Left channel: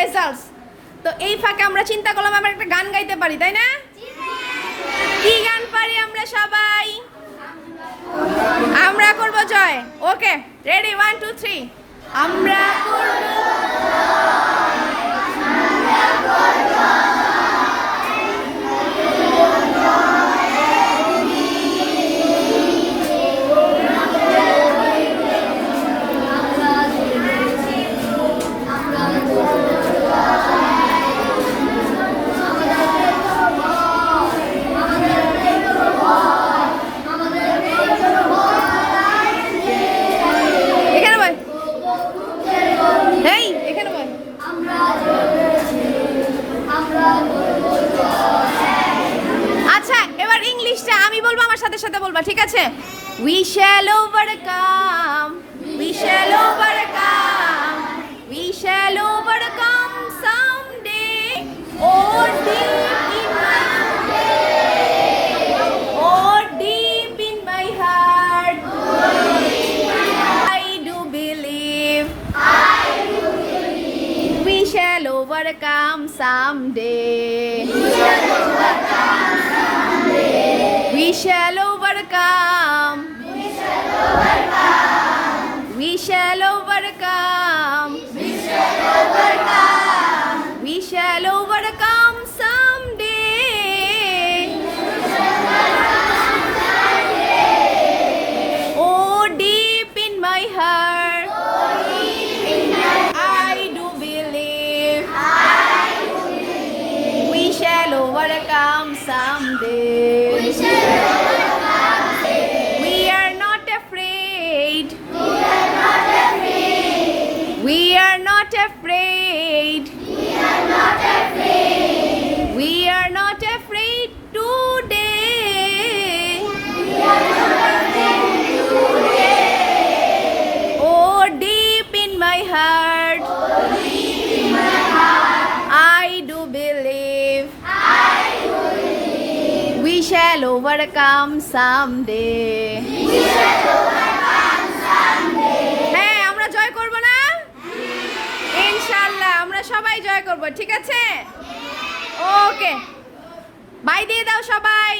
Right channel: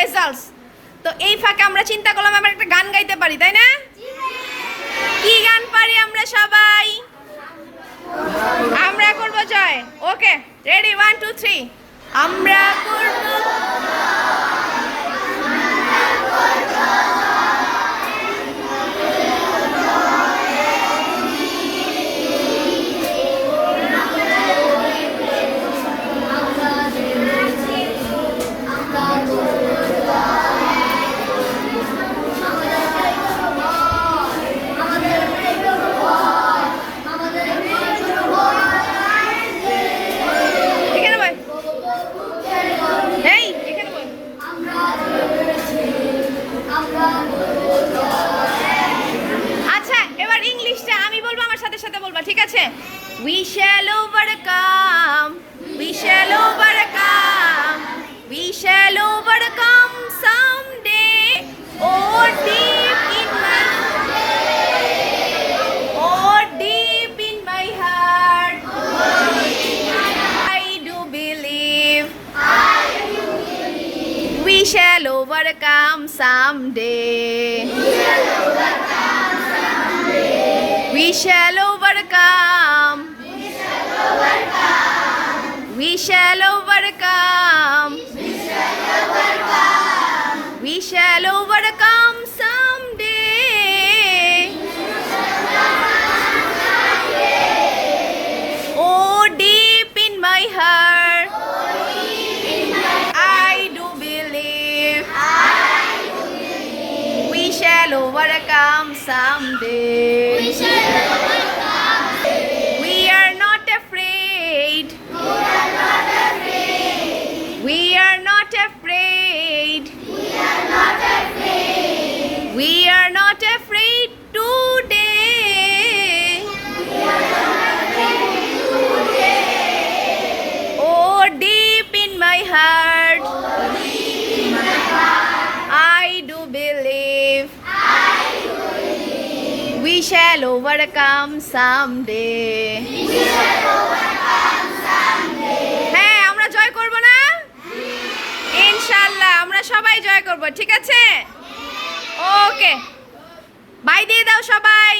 Results তো এই ফাঁকে আমরা চিন্তা করলাম আমরা একটা গান গাইতে পারি, তাই না? কি গান পারি আমরা সবাই? আমরা করব জয়। Okay ready one two three আমরা করব সাথে সাথে বলবা, ঠিক আছে? We shall overcome we shall overcome we shall overcome someday oh deep in my oh deep in my heart I do believe. We shall overcome someday. We shall overcome. We shall overcome. We shall overcome someday. Oh, deep in my heart, someday. We shall know someday. We are not afraid. We are not afraid. We are not afraid. We are not afraid. We are not afraid. Shall overcome someday. হ্যাঁ আমরা জয় করব না? ইনশাল্লাহ, আমরা সবাই জয় করব, ঠিক আছে? ওকে বাই দিয়ে দাও সবাই।